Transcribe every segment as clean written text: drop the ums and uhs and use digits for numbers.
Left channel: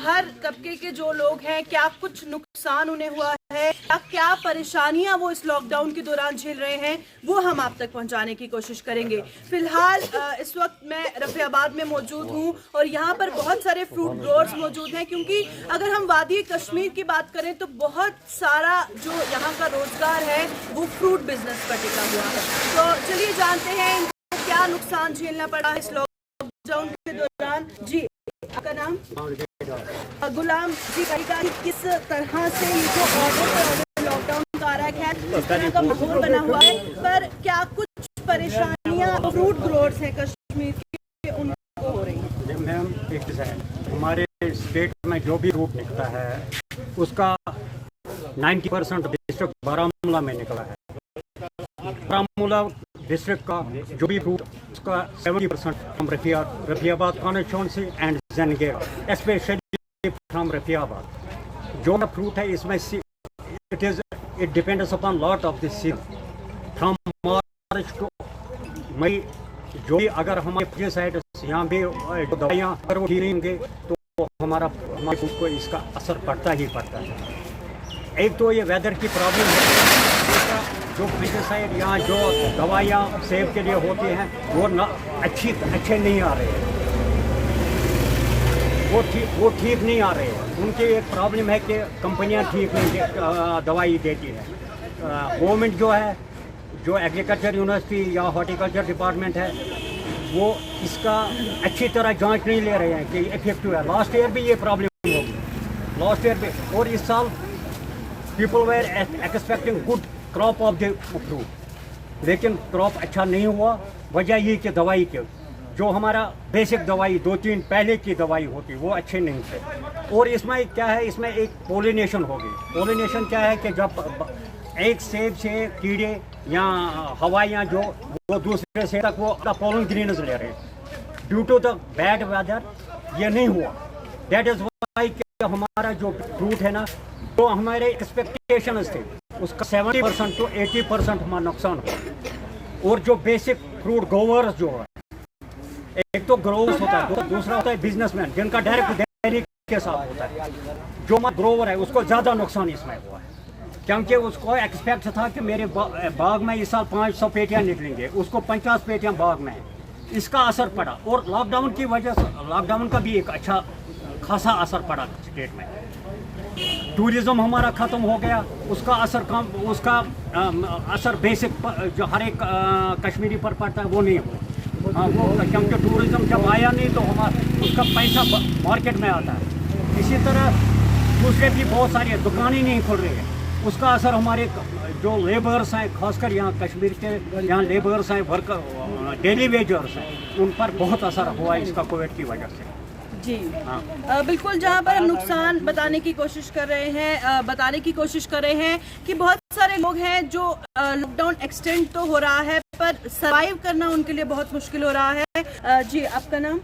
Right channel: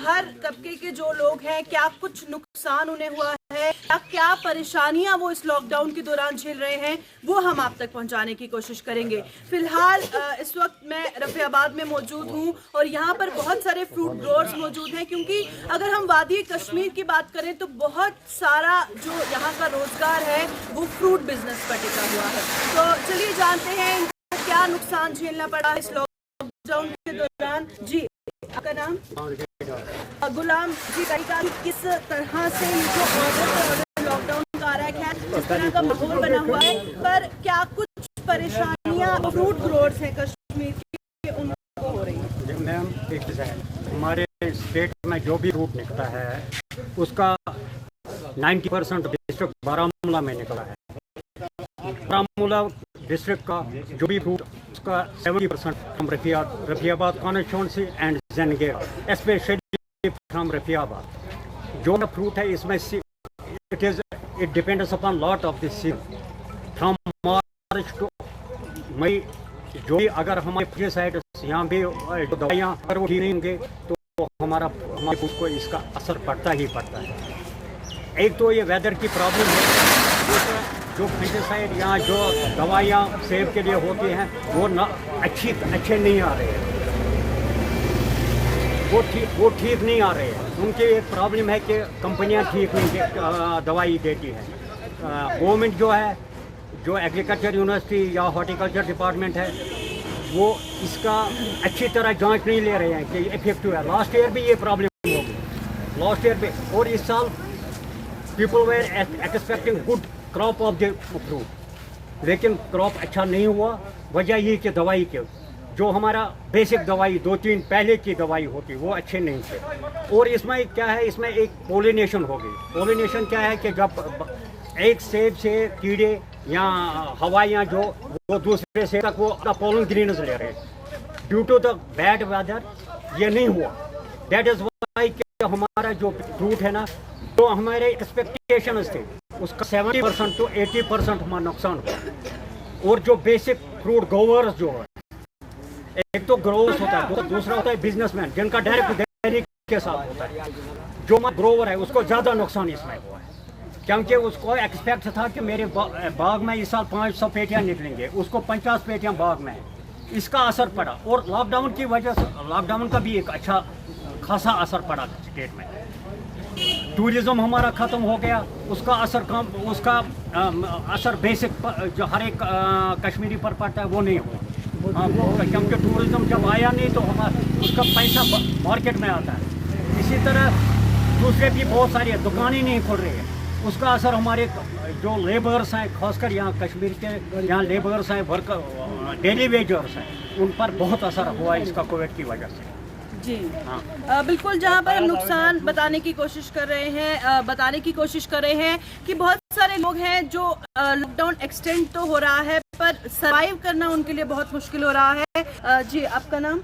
हर तबके के जो लोग हैं, क्या कुछ नुकसान उन्हें हुआ है, क्या परेशानियां वो इस लॉकडाउन के दौरान झेल रहे हैं, वो हम आप तक पहुंचाने की कोशिश करेंगे। फिलहाल इस वक्त मैं रफियाबाद में मौजूद हूं और यहाँ पर बहुत सारे फ्रूट ग्रोअर्स मौजूद हैं, क्योंकि अगर हम वादी कश्मीर की बात करें तो बहुत सारा जो यहाँ का रोजगार है वो फ्रूट बिजनेस पर टिका हुआ है। तो चलिए जानते हैं इनको क्या नुकसान झेलना पड़ा इस लॉकडाउन के दौरान। जी, आपका नाम? गुलाम जी, किस तरह से जो ऑर्डर लॉकडाउन का आ रहा है, किस तरह का माहौल बना हुआ है, पर क्या कुछ परेशानियां फ्रूट ग्रोअर्स हैं कश्मीर के उनको हो रही हैं? मैम, एक हमारे स्टेट में जो भी फ्रूट निकलता है उसका 90% डिस्ट्रिक्ट बारामूला में निकला है। बारामूला डिस्ट्रिक्ट का जो भी फ्रूट उसका 70% from Rafiabad constituency and Jangera, specially from Rafiabad. जो फ्रूट है इसमें it depends upon lot of this season from March to May. जो भी अगर हमारे फ्री साइड यहाँ भी दवाइयाँ अगर वो ठीक नहीं होंगे तो हमारे फूड को इसका असर पड़ता ही पड़ता है। एक तो ये वेदर की प्रॉब्लम है, दूसरा जो पेस्टिसाइड या जो दवाइयाँ सेब के लिए होती हैं वो ना अच्छे नहीं आ रहे हैं, वो ठीक नहीं आ रहे हैं। उनकी एक प्रॉब्लम है कि कंपनियां ठीक नहीं दवाई देती हैं। गवर्नमेंट जो है, जो एग्रीकल्चर यूनिवर्सिटी या हॉर्टिकल्चर डिपार्टमेंट है, वो इसका अच्छी तरह जांच नहीं ले रहे हैं कि इफेक्टिव है। लास्ट ईयर भी ये प्रॉब्लम होगी, लास्ट ईयर भी, और इस साल people were expecting good crop of the fruit, लेकिन क्रॉप अच्छा नहीं हुआ। वजह ये कि दवाई के जो हमारा बेसिक दवाई 2-3 पहले की दवाई होती वो अच्छे नहीं थे। और इसमें क्या है, इसमें एक पोलिनेशन हो गई। पोलिनेशन क्या है कि जब एक सेब से कीड़े या हवाइयाँ जो वो दूसरे सेब तक वो अपना पोलन ग्रीन्स ले रहे, due to the bad weather ये नहीं हुआ। दैट इज वाई कि हमारा जो फ्रूट है ना, तो हमारे एक्सपेक्टेशन थे उसका 70% to 80% हमारा नुकसान हुआ। और जो बेसिक फ्रूट ग्रोवर्स जो है, एक तो ग्रोवर्स होता है, दूसरा होता है बिजनेसमैन जिनका डायरेक्ट डेयरी के साथ होता है। जो ग्रोवर है उसको ज़्यादा नुकसान इसमें हुआ है, क्योंकि उसको एक्सपेक्ट था कि मेरे बाग में इस साल 500 पेटियाँ निकलेंगे, उसको 50 पेटियाँ बाग में है। इसका असर पड़ा, और लॉकडाउन की वजह से लॉकडाउन का भी एक अच्छा खासा असर पड़ा स्टेट में। टूरिज्म हमारा ख़त्म हो गया, उसका असर कम, उसका असर बेसिक जो हर एक कश्मीरी पर पड़ता है वो नहीं हुआ। वो क्योंकि टूरिज्म जब आया नहीं तो उसका पैसा मार्केट में आता है। इसी तरह दूसरे भी बहुत सारी दुकानें नहीं खुल रही है, उसका असर हमारे जो लेबर्स हैं, खासकर यहाँ कश्मीर के यहाँ लेबर्स हैं, वर्कर डेली वेजर्स हैं, उन पर बहुत असर हुआ है इसका कोविड की वजह से। जी हाँ, बिल्कुल। जहाँ पर हम नुकसान बताने की कोशिश कर रहे हैं कि बहुत सारे लोग हैं जो लॉकडाउन एक्सटेंड तो हो रहा है पर सरवाइव करना उनके लिए बहुत मुश्किल हो रहा है। जी, आपका नाम?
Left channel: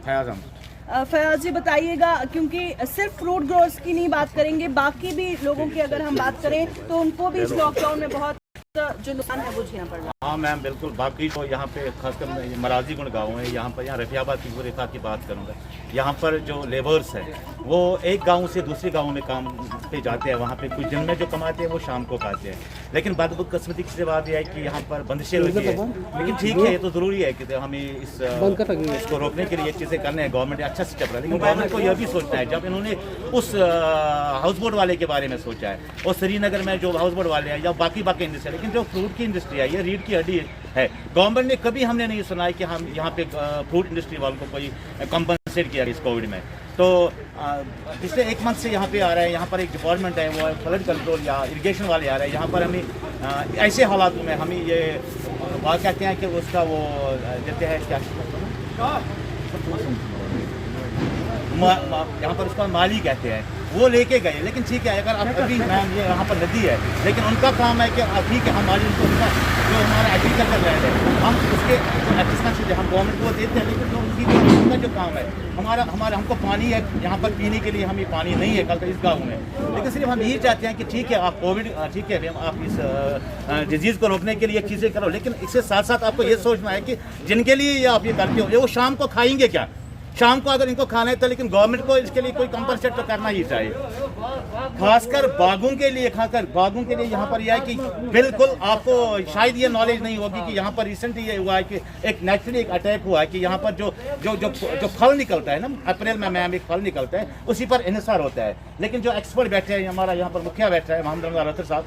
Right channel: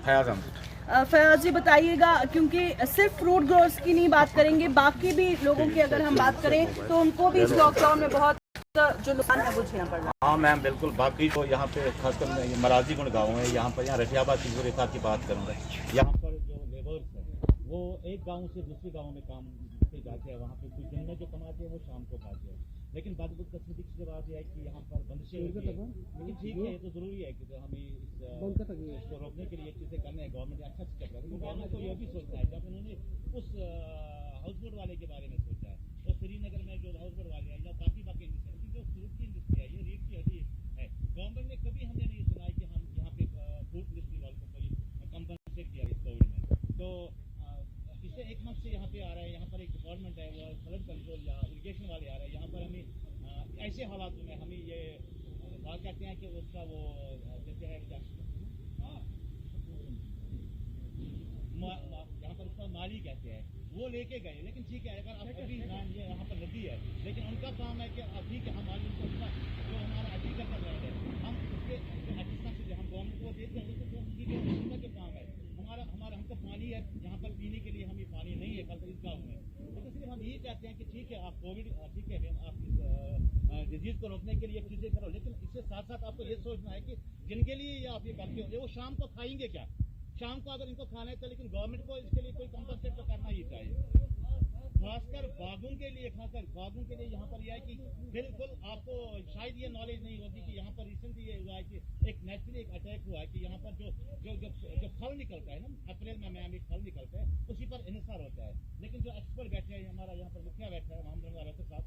फयाज जी, बताइएगा, क्योंकि सिर्फ फ्रूट ग्रोअर्स की नहीं बात करेंगे, बाकी भी लोगों की अगर हम बात करें तो उनको भी इस लॉकडाउन में बहुत जो नुकसान है वो झेलना पड़ रहा है। हाँ मैम, बिल्कुल। बाकी तो यहाँ पे खासकर मराजीगुंड गाँव है, यहाँ पर रफियाबाद तिगुरेफा की बात करूँगा। यहाँ पर जो लेबर्स हैं वो एक गांव से दूसरे गांव में काम पे जाते हैं, वहाँ पे कुछ दिन में जो कमाते हैं वो शाम को खाते हैं। लेकिन बदकिस्मती की बात यह है कि यहाँ पर बंदिशें लगी है, लेकिन ठीक है, ये तो ज़रूरी है कि हमें इसको रोकने के लिए चीज़ें करने हैं। गवर्नमेंट ने अच्छा स्टेप रहा, लेकिन गवर्नमेंट को यह भी सोचना है, जब इन्होंने उस हाउस बोट वाले के बारे में सोचा है, और श्रीनगर में जो हाउस बोट वाले हैं या बाकी इंडस्ट्री, लेकिन जो फ्रूट की इंडस्ट्री है ये रीढ़ की हड्डी है। गवर्नमेंट ने कभी हमने नहीं सुना है कि हम यहाँ पे फ्रूट इंडस्ट्री वालों को कोई कंपनसेट किया इस कोविड में। तो पिछले 1 मंथ से यहाँ पे आ रहा है, यहाँ पर एक डिपार्टमेंट है वो फ्लड कंट्रोल या इरिगेशन वाले आ रहे हैं। यहाँ पर हमें ऐसे हालात में हमें ये बात कहते हैं कि उसका वो देते हैं क्या, यहाँ पर उसका माली कहते हैं, वो लेके गए। लेकिन ठीक है, अगर आप अभी मैम ये यहाँ पर नदी है, लेकिन उनका काम है कि ठीक है हमारी उनको जो हमारा एग्रीकल्चर लैंड है हम उसके एक्सपेंस से हम गवर्नमेंट को देते हैं, लेकिन जो उनका जो काम है हमारा हमको पानी है यहाँ पर पीने के लिए, हमें पानी नहीं है कल इस गाँव में। लेकिन सिर्फ हम यही चाहते हैं कि ठीक है आप कोविड, ठीक है आप इस डिजीज़ को रोकने के लिए चीज़ें करो, लेकिन इसके साथ साथ आपको ये सोचना है कि जिनके लिए ये आप ये करते हो वो शाम को खाएंगे क्या, शाम को अगर इनको खाना है तो, लेकिन गवर्नमेंट को इसके लिए कोई कंपनसेट तो करना ही चाहिए, खासकर बागों के लिए। यहाँ पर यह है कि बिल्कुल आपको शायद ये नॉलेज नहीं होगी कि यहाँ पर रिसेंटली ये हुआ है कि एक नेचुरली एक अटैक हुआ है कि यहाँ पर जो फल निकलता है ना, अप्रैल में एक फल निकलता है, उसी पर इन्हिसार होता है। लेकिन जो एक्सपर्ट बैठे हैं, हमारा यहाँ पर मुखिया बैठा है मोहम्मद रमजान अख्तर साहब,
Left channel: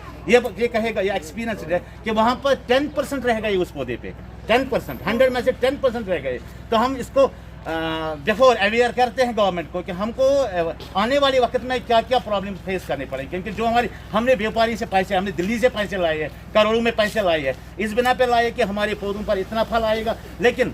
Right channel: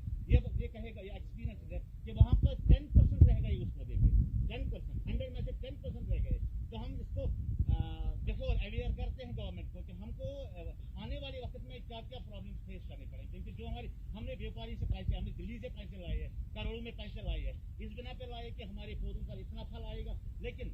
ये कहेगा, ये एक्सपीरियंस है कि वहाँ पर 10% रहेगा ये उस पौधे पे, 10%, 100 में से 10% रहेगा ये। तो हम इसको बिफोर अवेयर करते हैं गवर्नमेंट को कि हमको आने वाले वक्त में क्या क्या प्रॉब्लम फेस करने पड़ेंगे, क्योंकि जो हमने व्यापारी से पैसे, हमने दिल्ली से पैसे लाए हैं, करोड़ों में पैसे लाए हैं, इस बिना पे लाए कि हमारे पौधों पर इतना फल आएगा। लेकिन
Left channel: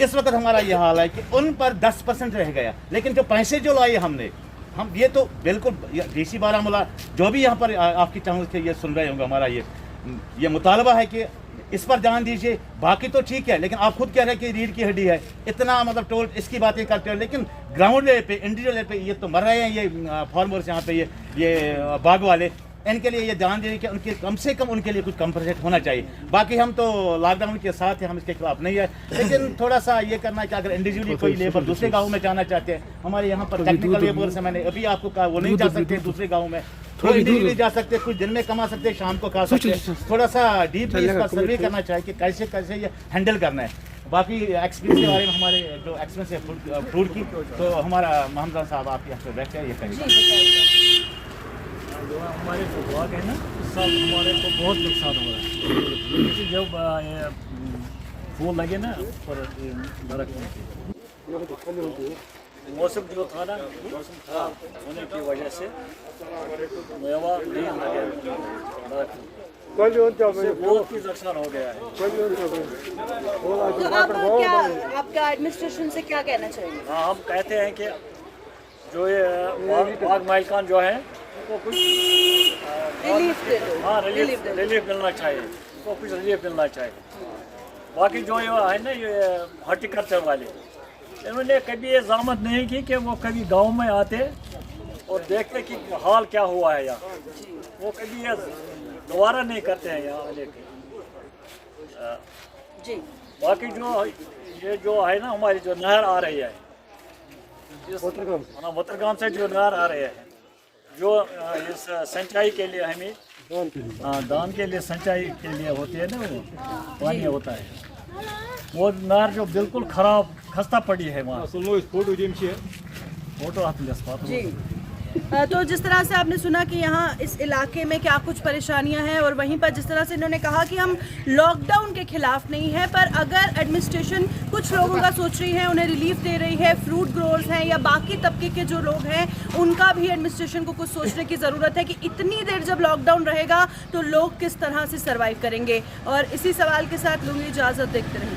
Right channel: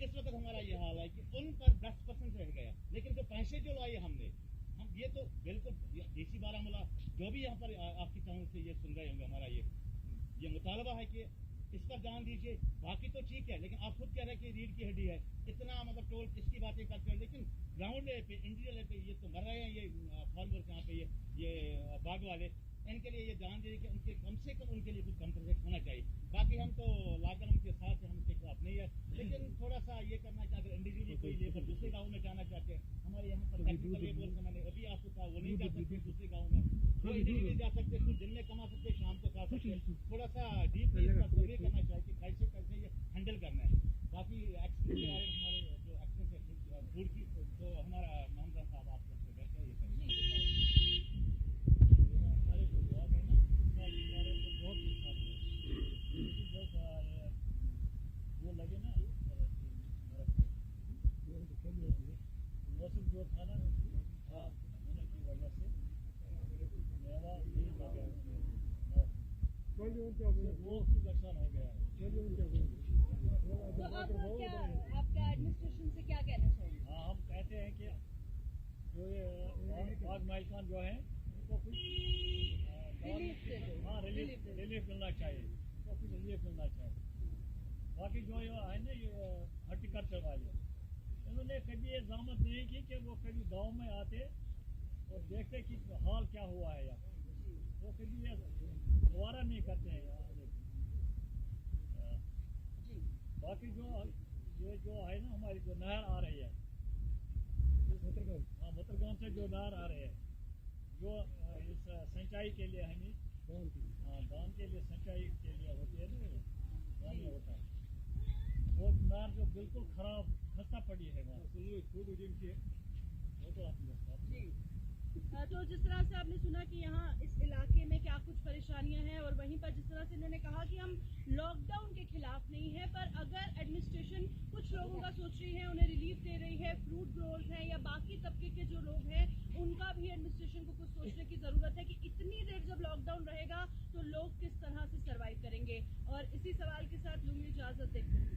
इस वक्त हमारा यह हाल है कि उन पर 10% रह गया। लेकिन जो पैसे जो लाए हमने, हम ये तो बिल्कुल डीसी बारामूला जो भी यहाँ पर आपकी चैनल से ये सुन रहे होंगे, हमारा ये मुतालबा है कि इस पर ध्यान दीजिए। बाकी तो ठीक है, लेकिन आप खुद कह रहे हैं कि रीढ़ की हड्डी है, इतना मतलब टोल इसकी बातें करते हो, लेकिन ग्राउंड लेवल पे, इंडिविजुअल लेवल पे ये तो मर रहे हैं ये फार्मर्स यहाँ पे, ये बाग वाले। इनके लिए ये ध्यान दीजिए कि उनके कम से कम उनके लिए कुछ कंपनसेट होना चाहिए। बाकी हम तो लॉकडाउन के साथ हैं, हम इसके खिलाफ नहीं है, लेकिन थोड़ा सा ये करना है कि अगर इंडिविजुअली कोई लेबर दूसरे गाँव में जाना चाहते हैं, हमारे यहाँ पर टेक्निकल लेबर्स हैं, मैंने अभी आपको कहा, वो नहीं जा सकते दूसरे गाँव में, वो इंडिविजुअली जा सकते, कुछ दिन में कमा सकते, शाम को खा सकते। थोड़ा सा डीपली इसका सर्वे करना चाहिए कि कैसे कैसे ये हैंडल करना है। बाकी एक्सपीरियंस के बारे में, हमारे जो एक्सपीरियंस है फ्रूट की, तो हमारा मोहम्मद साहब आप यहाँ पे बैठे हैं, ये कहेंगे। जो हमारे जो बाग है ना, इस साल हमारे को बहुत नुकसान हो रहा है, क्योंकि जब ये फूल लगे ना पर दरख्त, मौसम जो था ना, मौसम खराब होने की वजह से मेवा नहीं लगे दरख्त, बहुत ही नुकसान हो गया है। तो आप आपका एडमिनिस्ट्रेशन से क्या कहना चाहिए? हाँ, हम कहते हैं कि जो ये बाग मालिकान जो है उनको कुछ रिलीफ दे दो। हाँ, रिलीफ मिलना चाहिए, उनको कुछ रिलीफ मिलना चाहिए। बाकी जो ये है ना, ये हॉर्टिकल्चर वाले, इन्होंने कभी ये ज़ामत नहीं की कि वो कभी गांव में आते और देखते कि हाल क्या हुआ है यहाँ, वो कभी ये दोबारा नहीं करते हैं यहाँ आने के। जी, बाकी ये जो है ना, हमारी जो नहर आ रही है, वतरगाम से जो नहर आ रही है, जो इस सिंचाई के लिए हमें दान के लिए सिंचाई के लिए होती है ना, वो पानी होता है, वो नहर जो बिल्कुल खराब खस्ता पड़ी है वहाँ। फोटो हाथ में जी। तो जिस तरह से आपने सुना कि यहाँ इस इलाके में क्या कुछ परेशानियां हैं, और वहीं पर जिस तरह से इन्होंने कहा कि हम लॉकडाउन के खिलाफ नहीं है, पर अगर एडमिनिस्ट्रेशन कुछ लोगों का सोच रही है, उन्हें रिलीफ दे रही है, फ्रूट ग्रोअर्स हैं या बाकी तबके के जो लोग हैं, उनका भी एडमिनिस्ट्रेशन को कुछ सोचने की ज़रूरत है कि इतनी देर जब लॉकडाउन रहेगा तो लोग किस तरह से सर्वाइव करेंगे। और इसी सवाल के साथ लूँगी इजाज़त, देखते रहिए।